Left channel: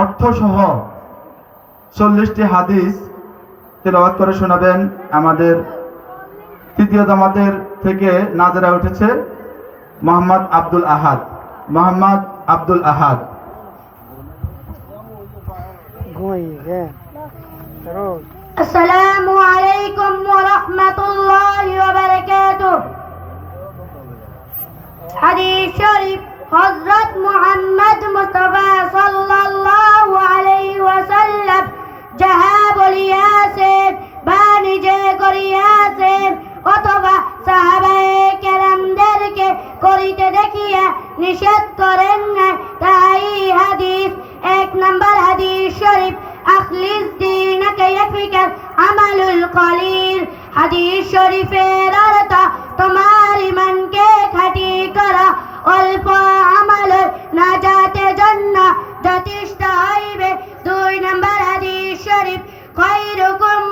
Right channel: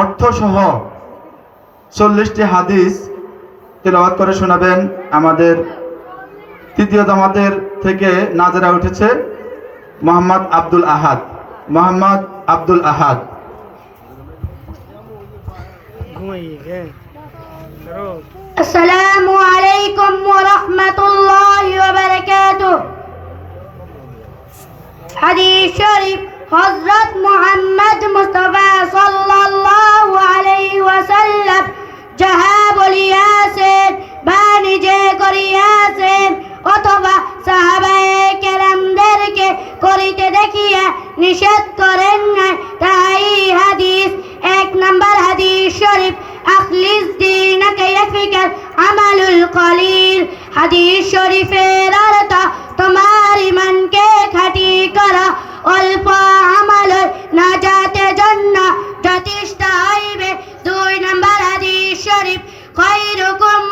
অর্থসহ চল্লিশটি হাদিস তেলাওয়াত করে শোনাবেন। আমাদের তৃতীয় জামাতের থেকে নাজেরা উঠেছে মোহাম্মদ আব্দুল আহাদ। মোহাম্মদ আব্দুল আহাদ। ঘুমাইয়ে হ্যাঁ রোজ। করেন নাই তাই হাদিস, এক নম্বর হাদিস শরীফ, আখলিস আমালুল কলিল। হাদিস শরীফের অর্থ, তোমার ইমানকে অল্প জন্য যথেষ্ট হইবে। দুই নম্বর হাদিস শরীফ, খৈরুকুম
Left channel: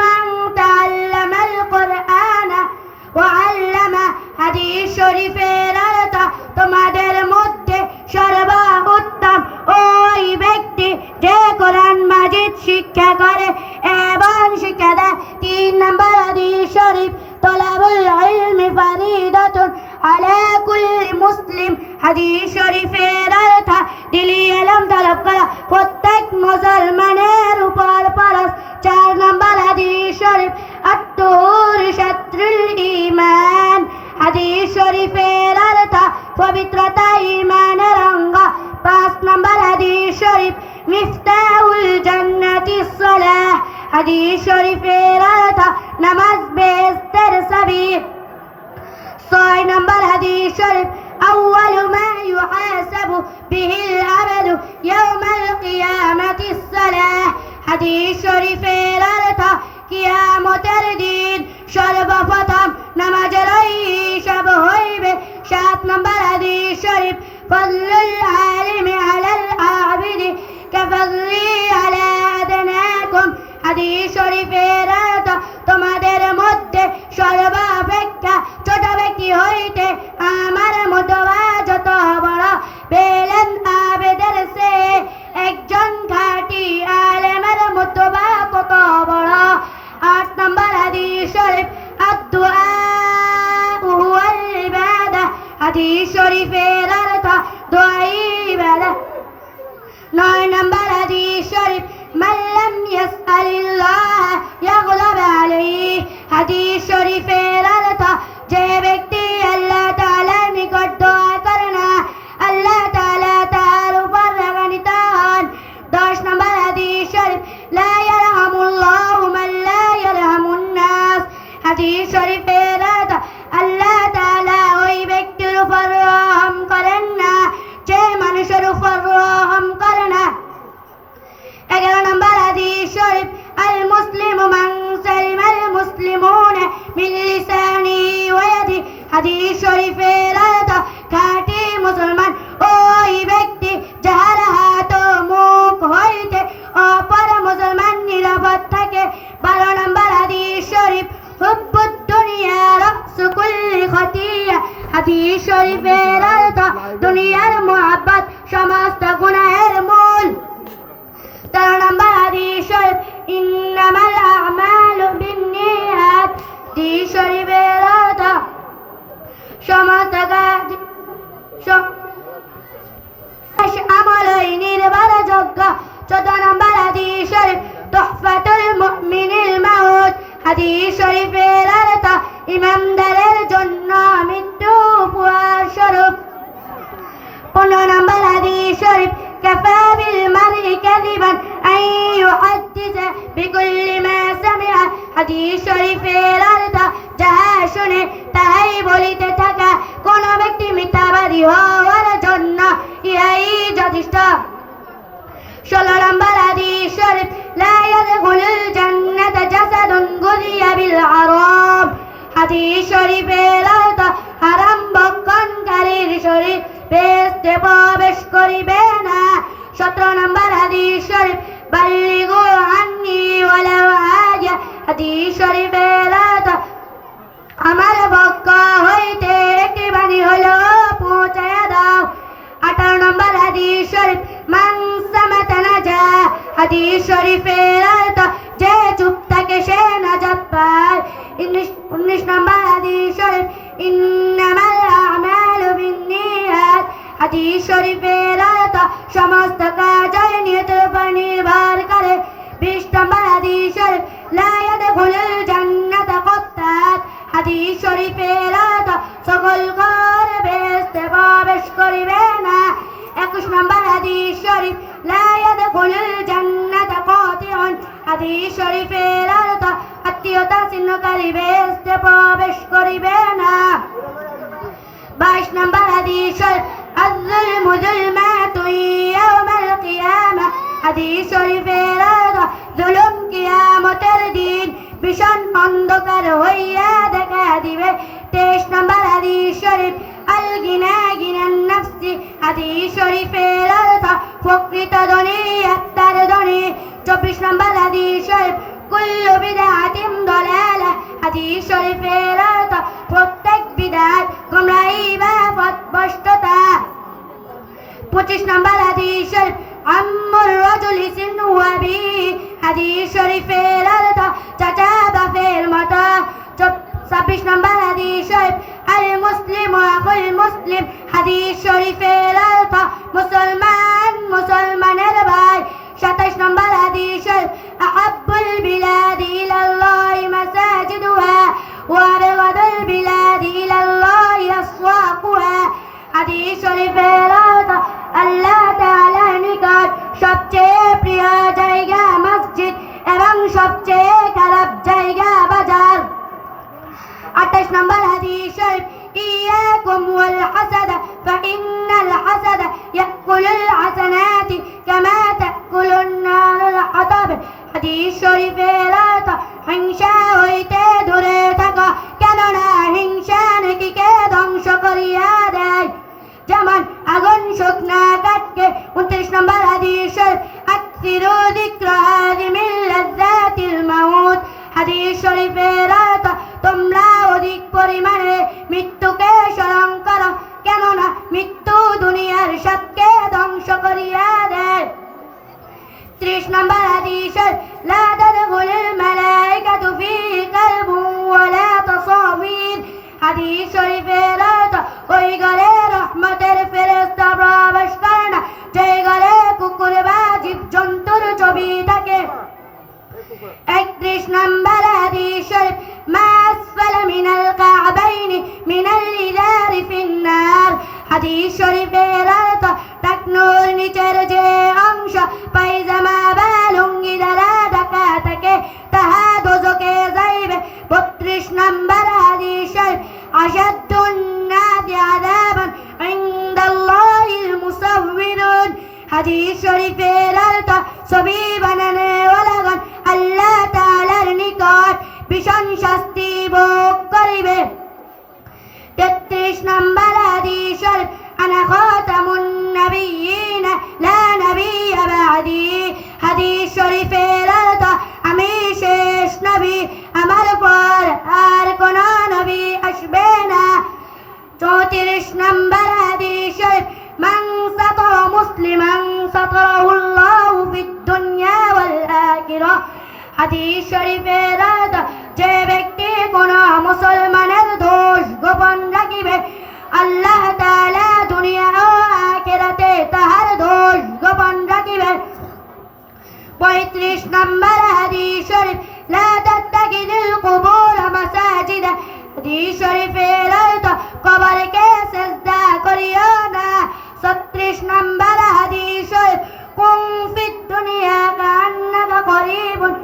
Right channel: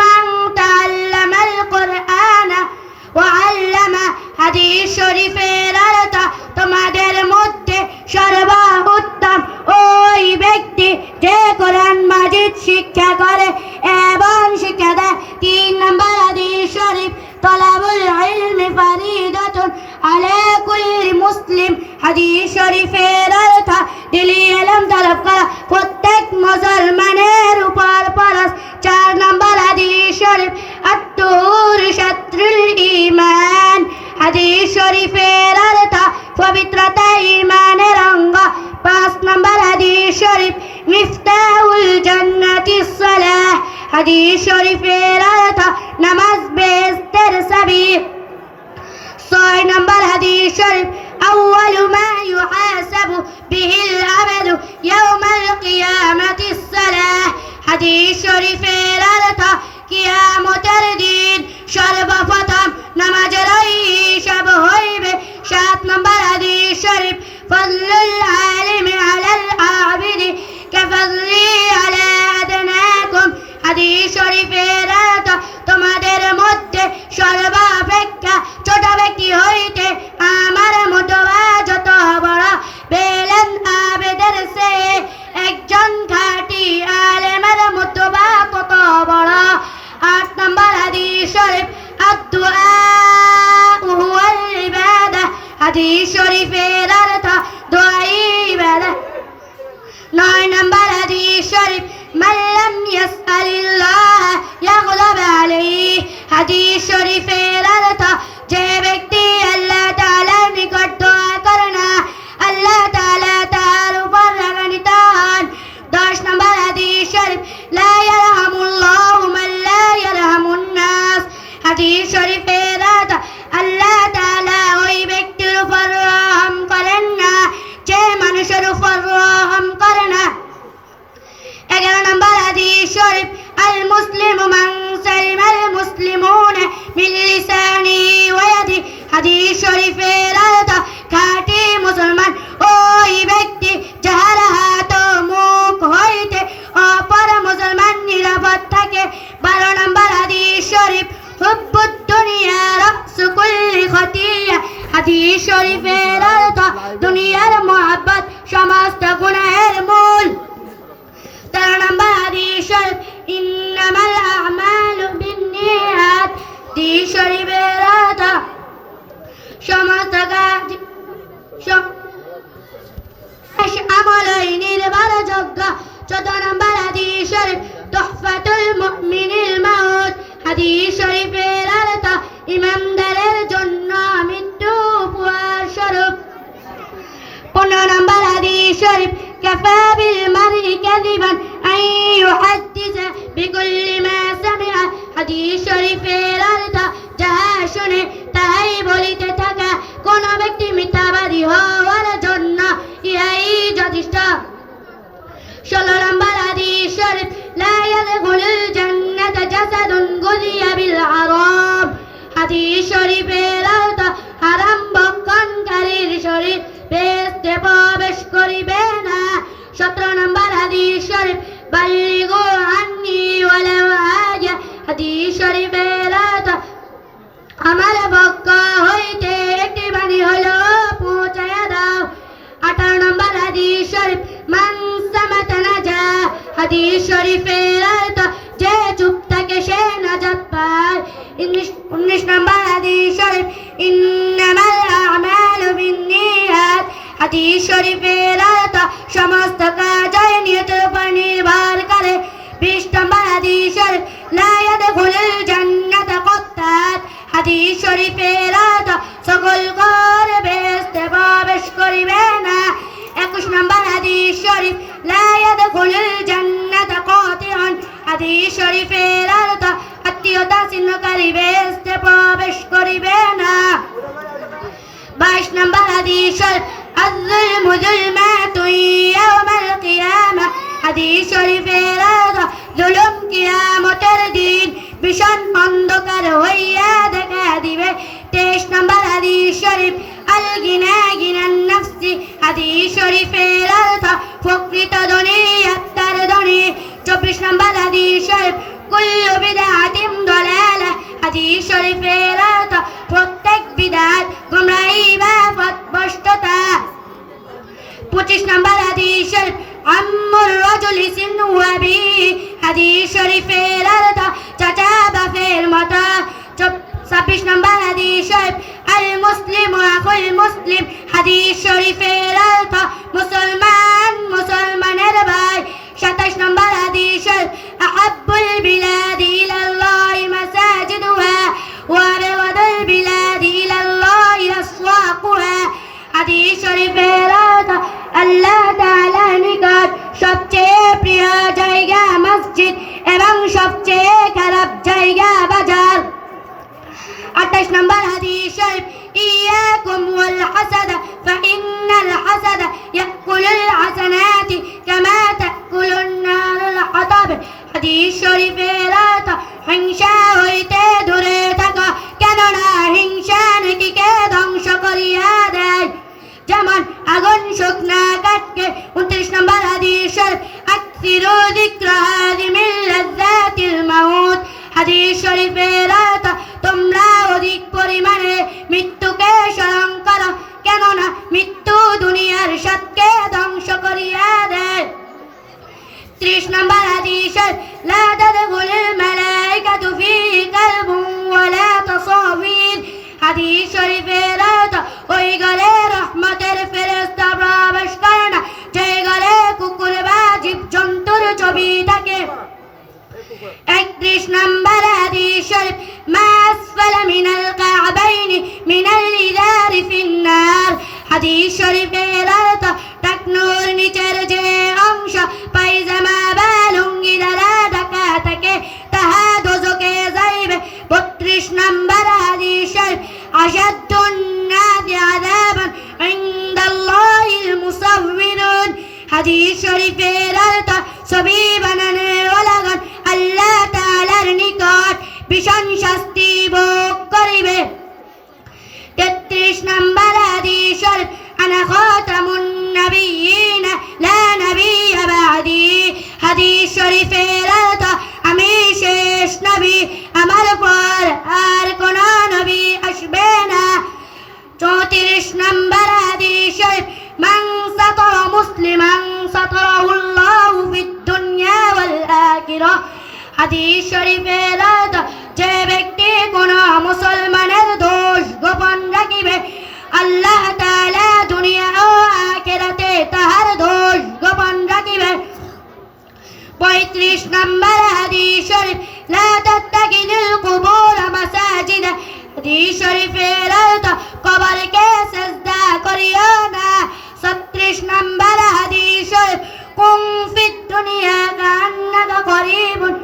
মান কুরআনা। ওয়া আল্লামা, হাদিস শরীফের অর্থ, তোমাদের সর্বোত্তম ওই ব্যক্তি যে কোরআন মাজিদ শিক্ষা করে এবং শিক্ষা দেয়, তিন নম্বর হাদিস শরীফ, তলাবুল ইলমি ফারিদাতুন আলা কুল্লি মুসলিম। হাদিস শরীফের অর্থ, দিলি ইলম তলব করা প্রত্যেক মুসলমানের উপর ফরজ। চার নম্বর হাদিস শরীফ আত্মুর শত্রুল ঈমান। হাদিস শরীফের অর্থ, পবিত্রতা অঙ্গ পাঁচ নম্বর হাদিস শরীফ মিফতাহুল জান্নাতি সালাহ হাদিস শরীফের অর্থ নামাজ বেহেশতের চাবি ছয় নম্বর হাদিস শরীফ أول ما يحاسب به العبد يوم القيامة الصلاة হাদিস শরীফের অর্থ কিয়ামতের দিন সর্বপ্রথম নামাজের হিসাব হইবে সাত নম্বর হাদিস শরীফ ফজলুল আলিম আলাল কাফজলি আলা আদনাকুম হাদিস শরীফের তোমাদের মধ্যে সর্বাপেক্ষা ছোট ব্যক্তি হইতে আমার মতো যত বড় পেলেন আবেদের সে একজন খাঁটি আলেমের মতো কত বড় আট নম্বর হাদিস শরীফ ইবাদা। হাদিস হাদিস শরীফের দুনিয়ার মোহাব্বত, সমস্ত গুনাহের মূল। তেরো নম্বর হাদিস আমালু বিন্নিয়াত। অর্থ সমস্ত চোদ্দ নম্বর হাদিস শরীফ মুমিনিল মাউত। হাদিস শরীফের অর্থ জন্য মৃত্যু উপহার স্বরূপ। পনেরো নম্বর হাদিস শরীফ كفى بالمرء كذبا أن يحدث بكل ما سمع হাদিস শরীফের অর্থ যাহা শুনে তাহাই বলিতে থাকা কোন ব্যক্তি মিথ্যাবাদী হওয়ার জন্য ইহাই যথেষ্ট ষোলো নম্বর হাদিস শরীফ لا يدخل الجنة جسد غذي بالحرام প্রবেশ করিবে না। সতেরো নম্বর হাদিস শরীফ, বাল্লিগু আন্নি ওয়ালাউ আয়া হাদিস শরীফের অর্থ আমার পক্ষ হইতে একটি বাণী হলো পৌঁছায়া দাও। আঠারো নম্বর হাদিস শরীফ, মান সামাতানা হাদিস যে চুপ থাকে সে পায়। উনিশ নম্বর ইন্নামাল বিন্নিয়াত হাদিস শরীফের অর্থ সমস্ত কাজ নিয়তের উপর নির্ভর করে। বিশ নম্বর হাদিস শরীফ লা ইয়াদখুলুল জান্নাত কত্তাত হাদিস শরীফের অর্থ সকল বেহেশতে প্রবেশ করিবে না। একুশ নম্বর হাদিস শরীফ লা ইয়াদখুলুল জান্নাত কাতিউন হাদিস শরীফের অর্থ আত্মীয়তা ছিন্নকারী বেহেশতে প্রবেশ করিবে না। বাইশ নম্বর হাদিস শরীফ الظلم ظلمات يوم القيامة হাদিস শরীফের অর্থ জুলুম কিয়ামতের দিন ভীষণ অন্ধকার হইয়া দেখা দিবে তেইশ নম্বর হাদিস শরীফ আল গিনা গিনান নাফসি হাদিস শরীফের অর্থ প্রকৃত ধনী আত্মার ধনী চব্বিশ নম্বর হাদিস শরীফ কুল্লু বিদআতিন দলালা হাদিস শরীফের অর্থ প্রত্যেক বিদাত গুমরাহি বা পথভ্রষ্টতা পঁচিশ নম্বর হাদিস শরীফ আম্মুর রাজুল সিনু আবি হাদিস শরীফের অর্থ চাচা বাপের মতো ছাব্বিশ নম্বর হাদিস শরীফ আল মুসলিম আকুল মুসলিম হাদিস শরীফের অর্থ মুসলমান হিংসা হইতে দূরে থাকা, কেননা হিংসা নাকিকে ধ্বংস করিয়া দেয়। যেমন আগুন শুকনা কাঠকে উনত্রিশ নম্বর হাদিস আকসিরু যিকরা হাদিমিল মাউত। হাদিস শরীফের তোমরা অধিক পরিমাণে মৃত্যুকে স্মরণ করো, কেননা মৃত্যু দুনিয়ার সবকে ধ্বংস করিয়া দেয়। ত্রিশ নম্বর হাদিস ছবি থাকে একত্রিশ নম্বর হাদিস শরীফ মা আসফাল মিনাল কাবাইনি মিনাল ইজারি ফিন্নার হাদিস শরীফের অর্থ টাকনুর নিচের যে অংশ পায়জামা বা লুঙ্গি দ্বারা ঢাকা থাকে তাহা দোজকে যাইবে বত্রিশ নম্বর হাদিস শরীফ আসাদুন নাদি আযাবান ইনদাল্লাহিল মুসাউবিরুন হাদিস শরীফের অর্থ ছবি হাদিস শরীফের আমি শেষ নবী, আমার পর আর কোন নবী আসবে না। চৌত্রিশ নম্বর হাদিস শরীফ মুসলিমান সাতরাহুল্লাহু ফিদ দুনিয়া ওয়াল আখিরাহ হাদিস শরীফের ছত্রিশ নম্বর, হাদিস শরীফ কুম ফিদ দুনিয়া কান্নাকা করিবুন।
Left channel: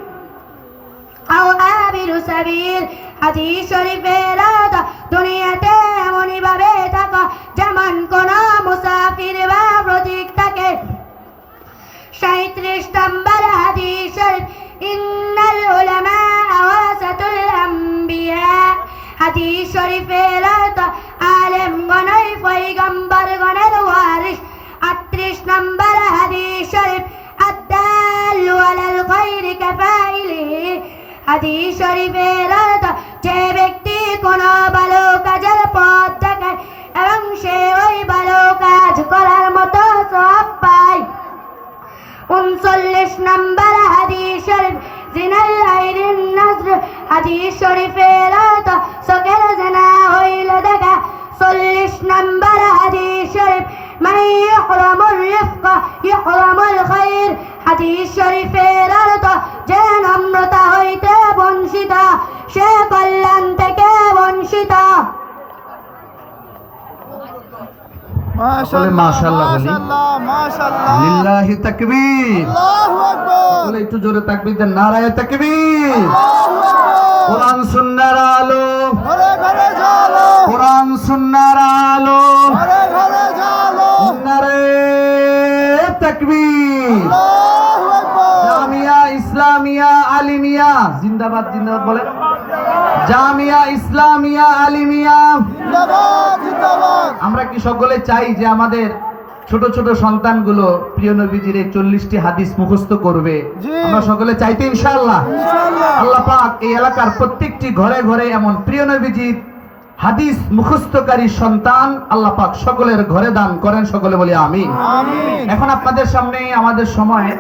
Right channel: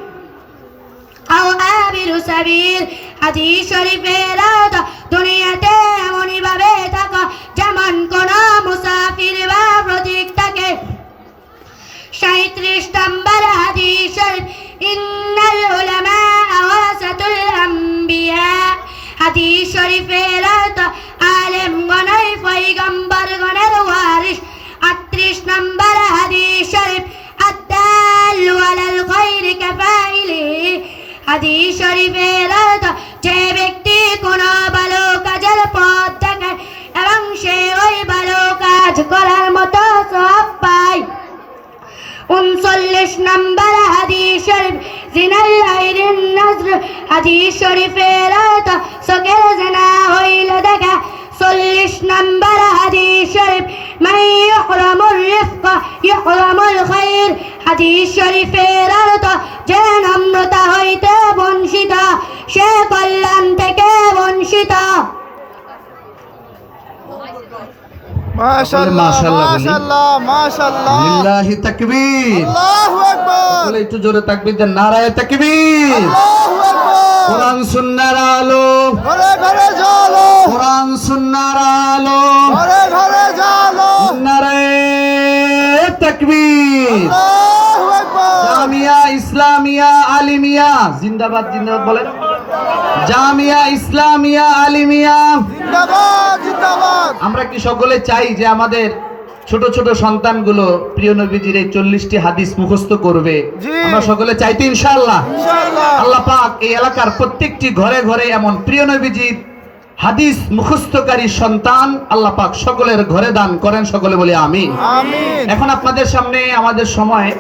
আও আবিরু সাবিল, হাদিস অর্থ দুনিয়াতে এমনই ভাবে থাকা যেমন কোন মুসাফির বা প্রতীক থাকে। সাঁত্রিশ নম্বর, হাদিস শরীফ উলামা ওয়ারাসাতুল আম্বিয়া। হাদিস অর্থ আলেম গণই পয়গম্বর খায়রি কাফাইলিহি হাদিস শরীফের যে ব্যক্তি কোনো ভালো কাজের পথ দেখায় এবং সে ওই ভালো কাজ করার মতো সব পায়। উনচল্লিশ নম্বর হাদিস শরীফ আইরিন নজর। হাদিস শরীফের সকের জেনা হইল দেখা। চল্লিশ নম্বর হাদিস শরীফ, মাই ইহরামুর রিফক ইহরামুল খাইর। হাদিস একটু জোরে তাকবীর দেন নারায়ে তাকবীর। আল্লাহু আকবার। কোরআন সুন্নাহর আলো ঘরে ঘরে জ্বালো। কোরআন সুন্নাহর আলো ঘরে ঘরে জ্বালো। নারায়ে তাকবীর। আল্লাহু আকবার। জামিয়া ইসলামিয়া আলিমিয়া। জিন্দাবাদ জিন্দাবাদ বলেন। জামিয়া ইসলামিয়া আলিমিয়া। আমরা কি সকলে চাই যে আমাদের ছোট ছোট সন্তানগুলো প্রিয় নবীজির এই চল্লিশটি হাদিস মুখস্থ করবে? আমরা সকলে চাইতে ইনশাআল্লাহ। আল্লাহ পাক এই এলাকার প্রত্যেকটি ঘরে ঘরে এমন প্রিয় নবীজির হাদিস মুখস্থকারী সন্তান আল্লাহ পাক সকলের ঘরে দান করেন সকলে বলে আমিন। এখন আপনাদের সামনে আমাদের সময়